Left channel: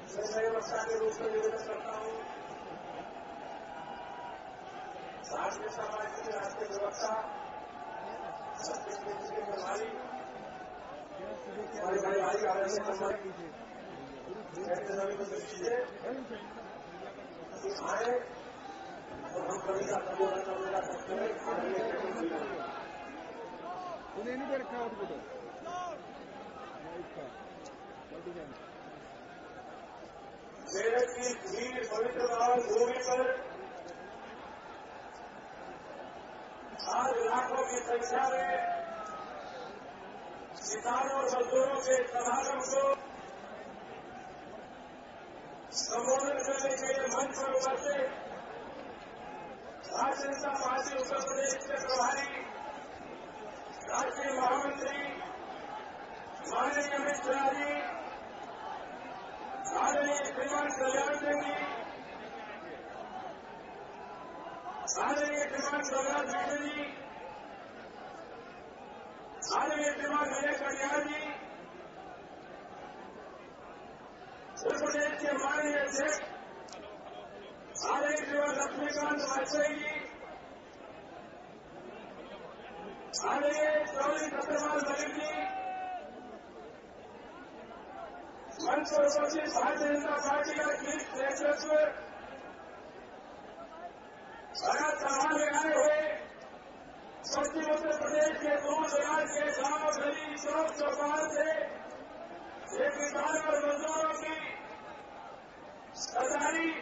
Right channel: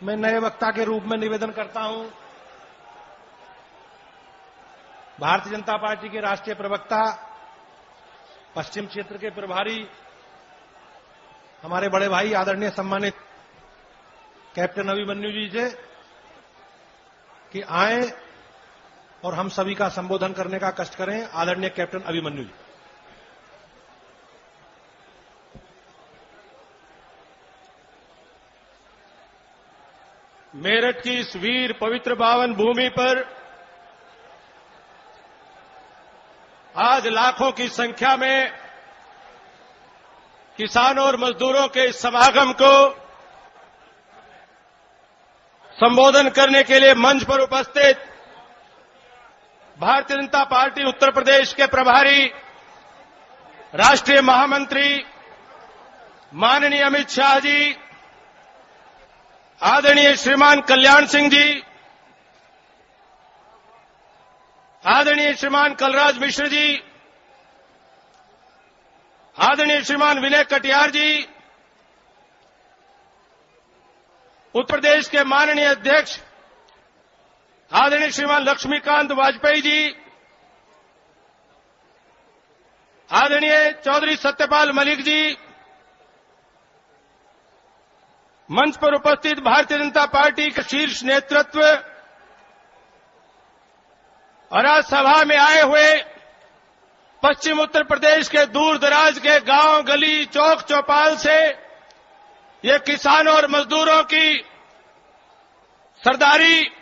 मैं नए वक्ता के रूप में निवेदन करता हूं। भारतीय जनता पार्टी के राष्ट्रीय प्रवक्ता, पश्चिम क्षेत्र के प्रभारी, हमारे बड़े भाई आदरणीय सम्मानित कैप्टन अभिमन्यु जी से कि आए और हम सभी का संबोधन करने का कष्ट करें। आदरणीय कैप्टन अभिमन्यु जी। मेरठ की इस वीर पवित्र पावन भूमि पर आज लाखों की संख्या में किसानों और मजदूरों के इस समागम को संबोधन करने के लिए मंच पर उपस्थित भारतीय जनता पार्टी उत्तर प्रदेश के प्रभारी राष्ट्रीय महामंत्री माननीय अमित शाह जी, आदरणीय श्रीमान कल्याण सिंह जी, आदरणीय श्रीमान कलराज मिश्र जी, आदरणीय श्रीमान विनय कटियार जी, उत्तर प्रदेश के माननीय अध्यक्ष आदरणीय श्रीमान लक्ष्मीकांत वाजपेयी जी, आदरणीय चौधरी सत्यपाल मलिक जी, मंच पर उपस्थित भारतीय जनता पार्टी का शीर्ष नेतृत्व और आज सभा में आए हुए पश्चिम उत्तर प्रदेश के दूर दराज के गांव, गली, चौक चौपाल से ये किसानों और मजदूरों की सरदारी,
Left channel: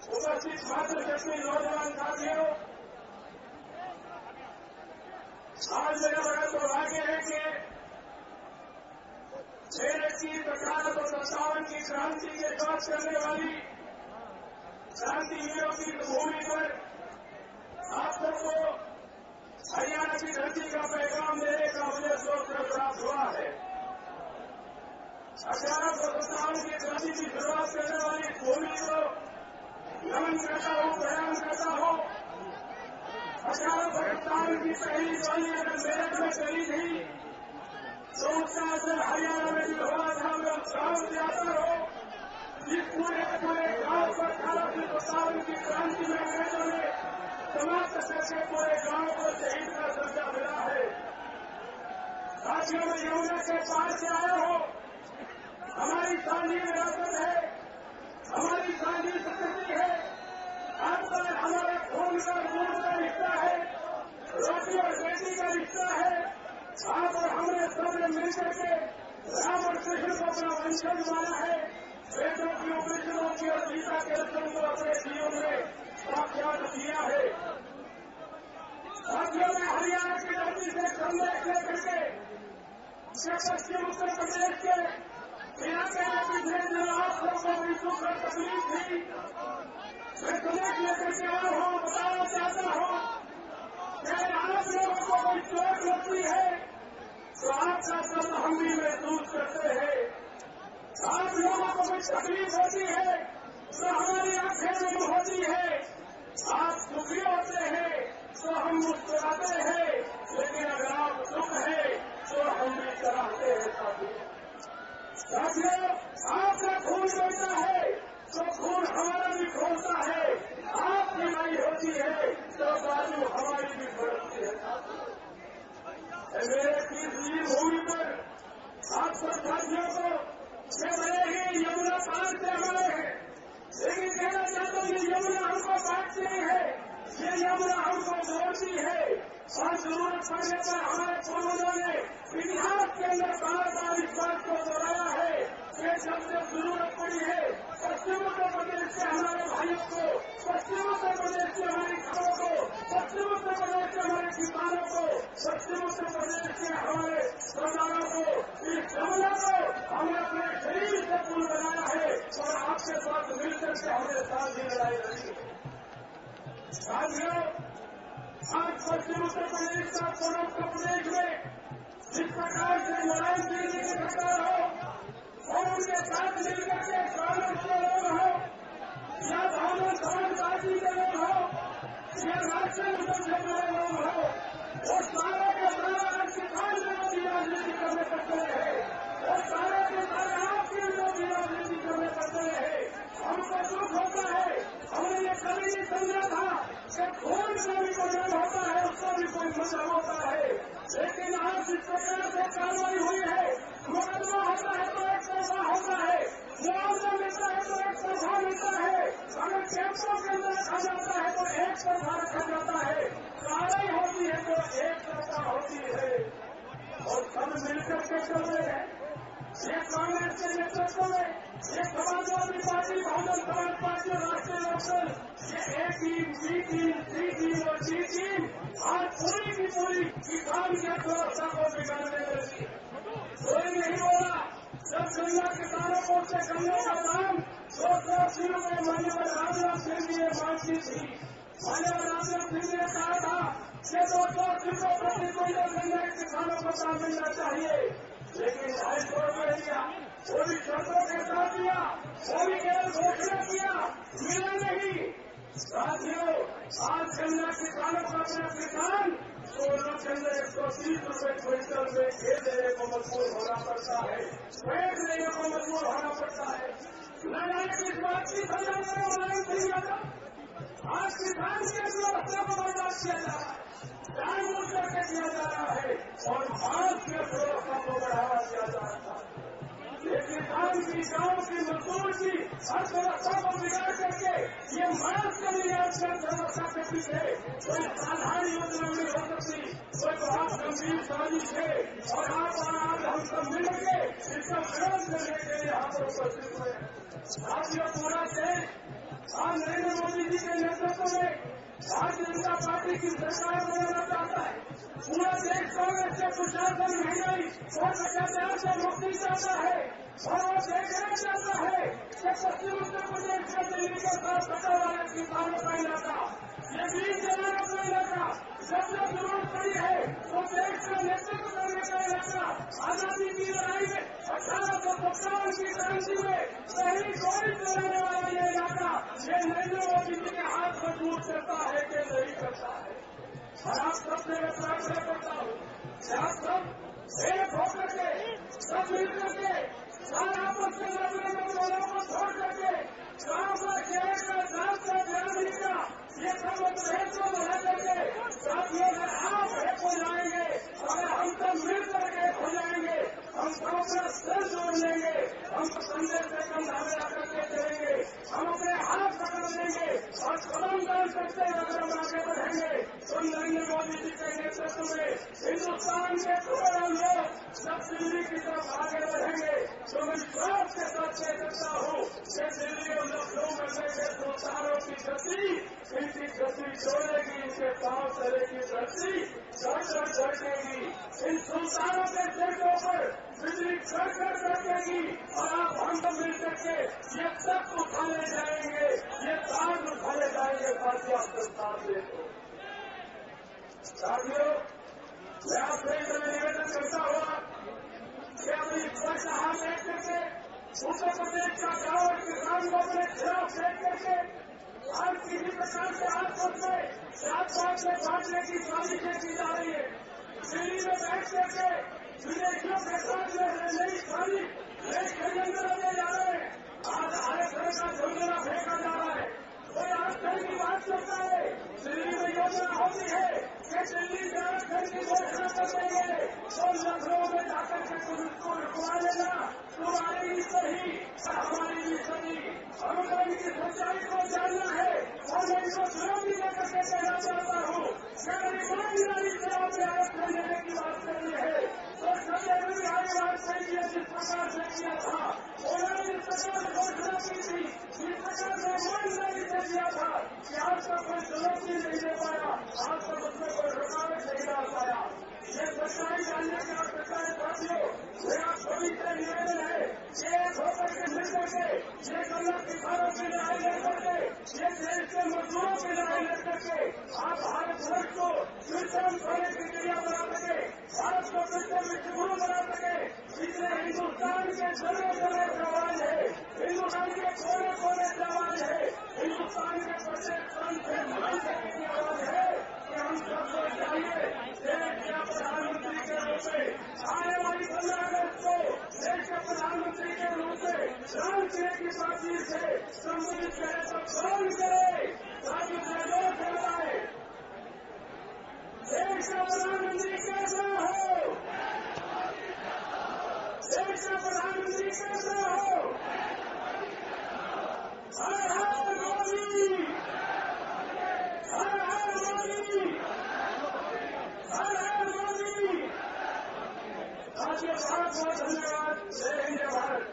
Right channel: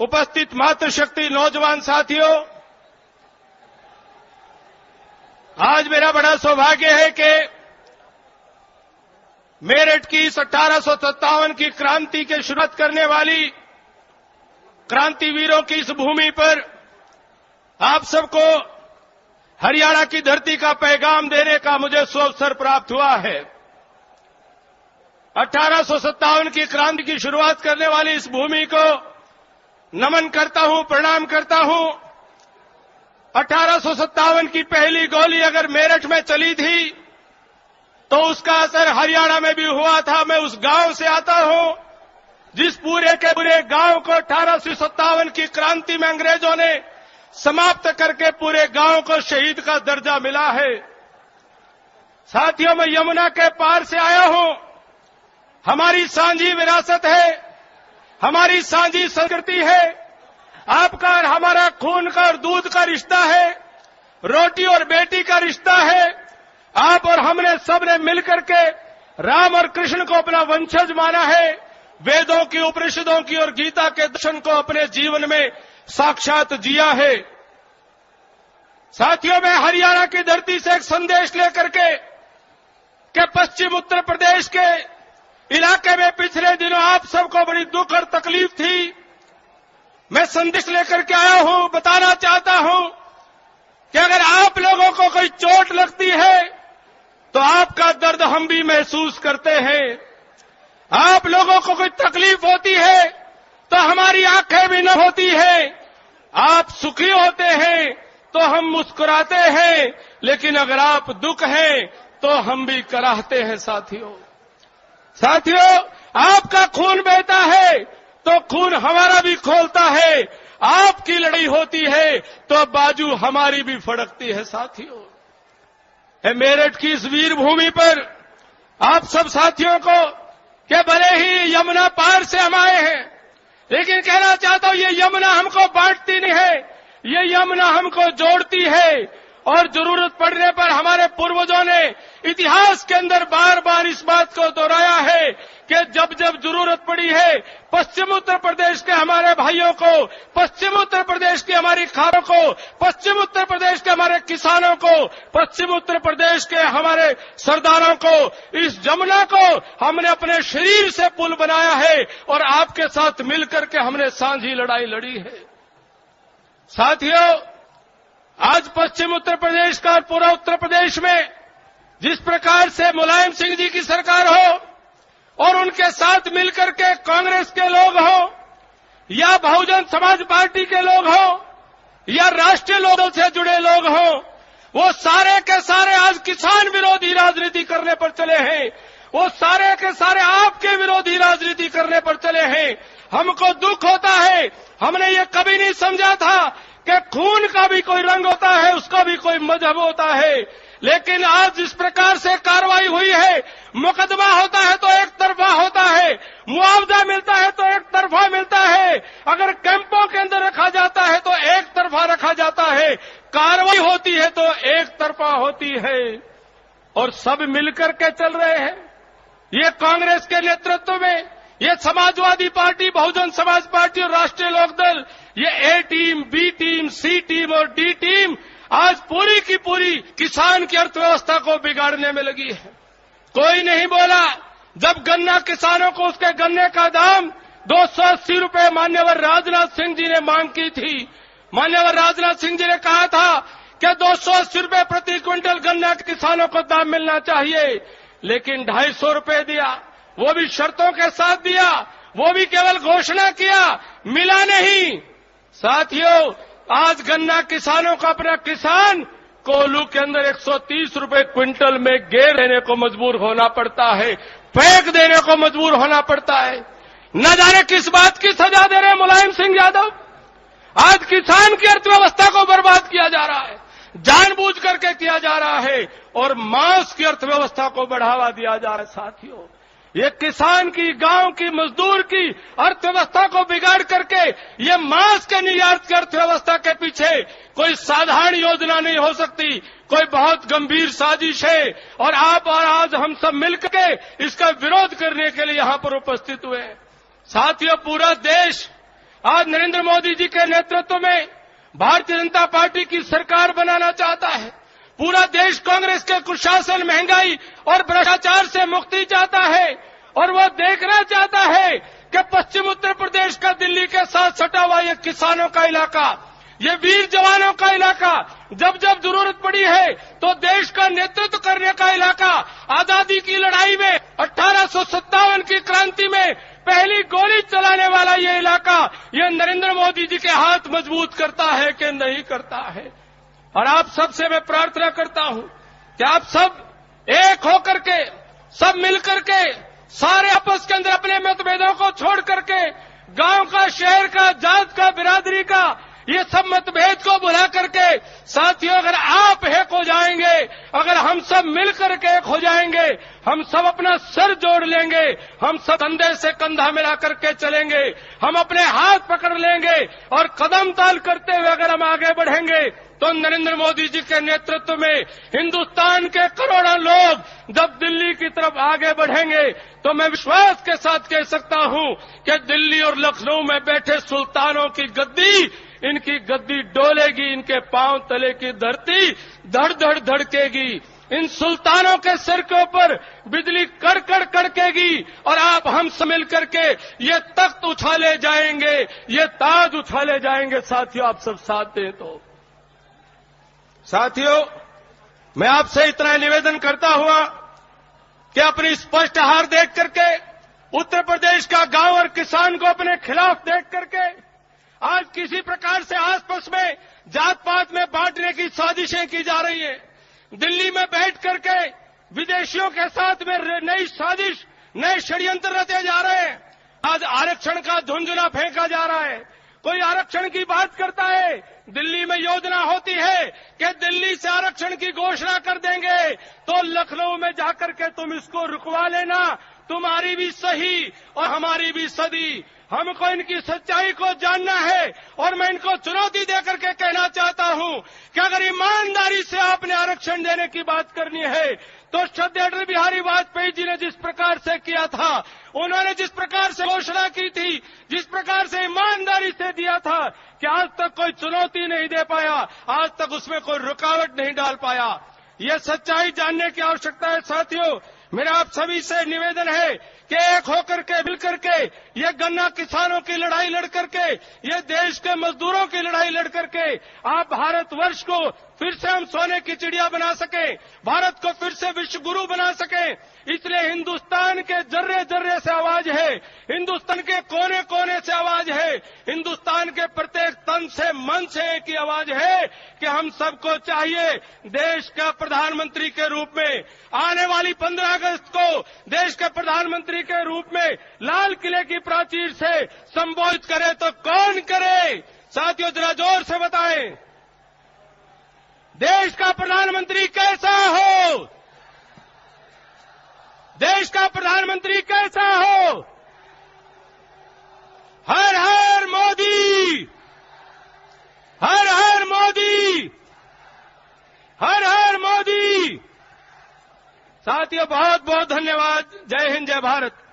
उपस्थित मातृशक्ति नौजवान साथियों, आज मेरा बड़ा सौभाग्य है कि मेरठ की इस 1857 की क्रांति के शुरुआत करने वाली क्रांतिवीरों की इस भूमि पर आप सबको हरियाणा की धरती का पैगाम देने का मुझे अवसर प्राप्त हुआ है। 1857 की क्रांति की शुरुआत करने वाली इस भूमि को नमन करता हूं, प्रणाम करता हूं। 1857 की पहली गोली अगर मेरठ में चली थी तो उसका असर हरियाणा में भी हुआ था। मैं उस गांव से आता हूं जिस पूरे के पूरे गांव को 1857 की क्रांति में अंग्रेजों ने समाप्त करके पूरे गांव को शहीद का दर्जा मिला है। साथियों, मैं यमुना के पार से आया हूं। हमारी सांझी विरासत है, हमारी सांझी संस्कृति है। आपका और हमारा खून का और दूध का रिश्ता है, रोटी और बेटी का रिश्ता है। आप और हमने सबने मिलकर के राम और कृष्ण को अपना वंशज माना है। वेदों की, उपनिषदों की और गीता के दर्शन को अपने जीवन में साक्षात जिया है। साथियों, मैं हरियाणा की धरती से एक संदेश लेकर के पश्चिम उत्तर प्रदेश के इलाके में पिछले दिनों आप सबको बड़ी दुख और तकलीफ थी। मैं संदेश लेकर के आया हूं, बताना चाहता हूं कि अगर आप लोगों को कोई चोट लगती है तो आपका दर्द हम भी महसूस करते हैं। आप लोगों को कोई तकलीफ होती है तो हमारी आंखें भी न होती है। आप सुखी होते हैं तो हम मुस्कुराते हैं, लेकिन अगर आप दुख हैं तो हम भी कराहते हैं। साथियों, आपका खून बहता है तो खून हमारा भी खोलता है। आपकी लड़ाई होती है तो बाजू हमारी भी फड़कती है। साथियों, मेरठ की इस वीर भूमि पर आप सब साथियों को कि भले ही यमुना पार से हम आए हैं, लेकिन कहना चाहता हूं ये यमुना हमको बांटती नहीं है, ये यमुना हमको जोड़ती है। और जरूरत पड़ने पर हमारे पूर्वजों ने इतिहास के अंदर बार बार इस बात को दोहराया है कि जब जब जरूरत पड़ी है पश्चिम उत्तर प्रदेश के हमारे भाइयों को, पश्चिम उत्तर प्रदेश की हमारी खानों को, पश्चिम उत्तर प्रदेश के हमारे किसानों को, पश्चिम उत्तर प्रदेश के हमारे सरदारों को, इस यमुना को हमने अपने शरीर से पुल बनाया है और आपके साथ मिलकर के हमने सांझी लड़ाई लड़ी है। साथियों, आज पश्चिम उत्तर प्रदेश का पूरा उत्तर प्रदेश में जिस प्रकार से मुलायम सिंह जी की सरकार हो और उनके साथ मिलकर के कांग्रेस के लोग हो या बहुजन समाज पार्टी के लोग हो या राष्ट्रीय लोगों से जुड़े लोग हो, वो सारे के सारे आज किसान विरोधी राजनीति करने पर चले हैं। वो सारे के सारे आपके विरोधी राजनीति करने पर चले हैं। हमको दुख होता है, हमने ये कभी नहीं समझा था कि खून का भी कोई रंग होता है, उसका भी कोई मजहब होता है। लेकिन आज जिस प्रकार से कार्रवाई हुई है, मुकदमा होता है तो एक तरफा होता है, मुआवजा मिलता है तो एक तरफा मिलता है, अगर कैंपों के अंदर रखा जाता है तो एक तरफा रखा जाता है, कार्रवाई होती है तो एक तरफा होती है, और सब मिलकर के चल रहे हैं। ये कांग्रेस के नेतृत्व में, ये समाजवादी पार्टी, बहुजन समाज पार्टी और राष्ट्रीय लोकदल, ये ए टीम, बी टीम, सी टीम और डी टीम आज पूरी की पूरी किसान की अर्थव्यवस्था को बिगाड़ने में लगी है। कोई नहीं बोला जब गन्ना किसानों को उसके गन्ने का दाम 280 रुपए मान्यवर राजनाथ सिंह जी ने मांग की थी। मान्यवर राजनाथ सिंह जी ने कहा था कि 280 रुपए प्रति क्विंटल गन्ना किसानों को दाम मिलना चाहिए, लेकिन 250 रुपए दिया, वो भी शर्तों के साथ दिया, वो भी केवल घोषणा किया, मिला नहीं। साथियों, आज गन्ना किसानों का अपना किसान कोल्हू के अंदर 130 रुपए क्विंटल में गेर देने को मजबूर होना पड़ता है, फेंक देने को मजबूर होना पड़ता है। न जाने किस बात की सजा दे रहे मुलायम सिंह यादव। आज किसान की अर्थव्यवस्था को बर्बाद किया जा रहा है, जानबूझ करके किया जा रहा है, और मांस की अर्थव्यवस्था को बढ़ावा दिया जा रहा है। साथियों, ये किसान की, गांव की, मजदूर की अर्थव्यवस्था को बिगाड़ करके ये मांस के निर्यात की अर्थव्यवस्था के पीछे कोई साधारण योजना नहीं हो सकती, कोई बहुत गंभीर साजिश है, और आप और आज हम सब मिलकर के इसका विरोध करने के लिए यहां पर उपस्थित हुए। साथियों, पूरा देश आज नरेंद्र मोदी जी के नेतृत्व में भारतीय जनता पार्टी की सरकार बनाना चाहता है। पूरा देश कांग्रेस के कुशासन, महंगाई और भ्रष्टाचार से मुक्ति चाहता है, और वो देखना चाहता है कि पश्चिम उत्तर प्रदेश का दिल्ली के साथ सटा हुआ ये किसानों का इलाका, ये वीर जवानों का इलाका, जब जब जरूरत पड़ी है तो देश का नेतृत्व करने का इलाका, आजादी की लड़ाई में 1857 की क्रांति में पहली गोली चलाने वाला ये इलाका, ये नरेंद्र मोदी जी के हाथ मजबूत करता है कि नहीं करता है। और आप सबसे मैं प्रार्थना करता हूं कि आप सब एक होकर के, सब मिलकर के, सारे आपस के अंदर अपने मतभेदों को छोड़ करके, गांव का, शहर का, जात का, बिरादरी का, ये सब मतभेद को भुला करके, साथियों, अगर आप एक हो जाएंगे, अगर हम सब मिलकर के एक हो जाएंगे, हम सब अपना सर जोड़ लेंगे, हम सब कंधे से कंधा मिला करके चलेंगे, हम अपने हाथ पकड़ लेंगे और कदम ताल करते हुए अगर हम आगे बढ़ेंगे, तो नरेंद्र मोदी जी के नेतृत्व में हिंदुस्तान के करोड़ों लोग जब दिल्ली की तरफ आगे बढ़ेंगे, तो मैं विश्वास के साथ कह सकता हूं कि दिल्ली और लखनऊ में बैठे सुल्तानों की गद्दी, इनकी गद्दी डोलेगी, इनके पांव तले की धरती धड़ धड़ धड़केगी, इन सुल्तानों के सिर के ऊपर बिजली कड़कड़ कड़केगी, और आप हम सब मिल करके ये तख्त उछाले जाएंगे, ये ताज उछाले जाएंगे। साथियों, आप सब साथ दें तो। साथियों, मैं आपसे इतना निवेदन करता हुआ कि अपनी स्पष्ट हार देख करके, उत्तर प्रदेश का गांव और किसान को अपने खिलाफ देख करके, आज किसी प्रकार से आपस में जात पात में बांटने की साजिशें की जा रही है। दिल्ली में बैठ करके विदेशियों के साथ में नई साजिश, नए षड्यंत्र रचे जा रहे हैं। आज आरक्षण का धुंधुना फेंका जा रहा है। कोई आरक्षण की बात करता है, दिल्ली में योजना होती है कि दिल्ली से आरक्षण की घोषणा कर देंगे, तो लखनऊ में जाकर के तुम इसको रुकवा लेना, तुम्हारी भी सही और हमारी भी सदी। हमको इनकी सच्चाई को जानना है, और मैं इनको चुनौती देकर के कहना चाहता हूं कि अगर ईमानदारी से आपने आरक्षण देने की बात करनी है, तो श्रद्धेय अटल बिहारी वाजपेयी जी ने जिस प्रकार से किया था, उन्होंने जिस प्रकार से घोषणा की थी, जिस प्रकार से ईमानदारी से दिया था, कि आज तक कोई चुनौती नहीं दे पाया, आज तक उसमें कोई रुकावट नहीं डाल पाया। ये सच्चाई जानने की आवश्यकता है। साथियों, मेरा आप सभी से निवेदन है कि एक होकर के, मिलकर के, ये गन्ना किसानों की लड़ाई लड़ करके, ये देश के मजदूरों की लड़ाई लड़ करके आप भारतवर्ष को फिर से हम सोने की चिड़िया बना सके, भारत को फिर से विश्व गुरु बना सके। इसलिए हिंदुस्तान के जर्रे जर्रे से आवाज है, हिंदुस्तान हिंदुस्तान के कोने कोने से आवाज है, हिंदुस्तान के प्रत्येक तन से मन से एक ही आवाज है कि हम सबको चाहिए देश का प्रधानमंत्री के रूप में आने वाली 15 अगस्त को देश के प्रधानमंत्री के रूप में लाल किले की प्राचीर से संबोधित करे तो कौन करे? साथियों जरा जोर से बताएं, देश का प्रधानमंत्री कैसा हो? देश का प्रधानमंत्री कैसा हो? हर हर मोदी, हर हर मोदी, हर हर मोदी। साथियों बहुत बहुत धन्यवाद। जय हिंद, जय भारत।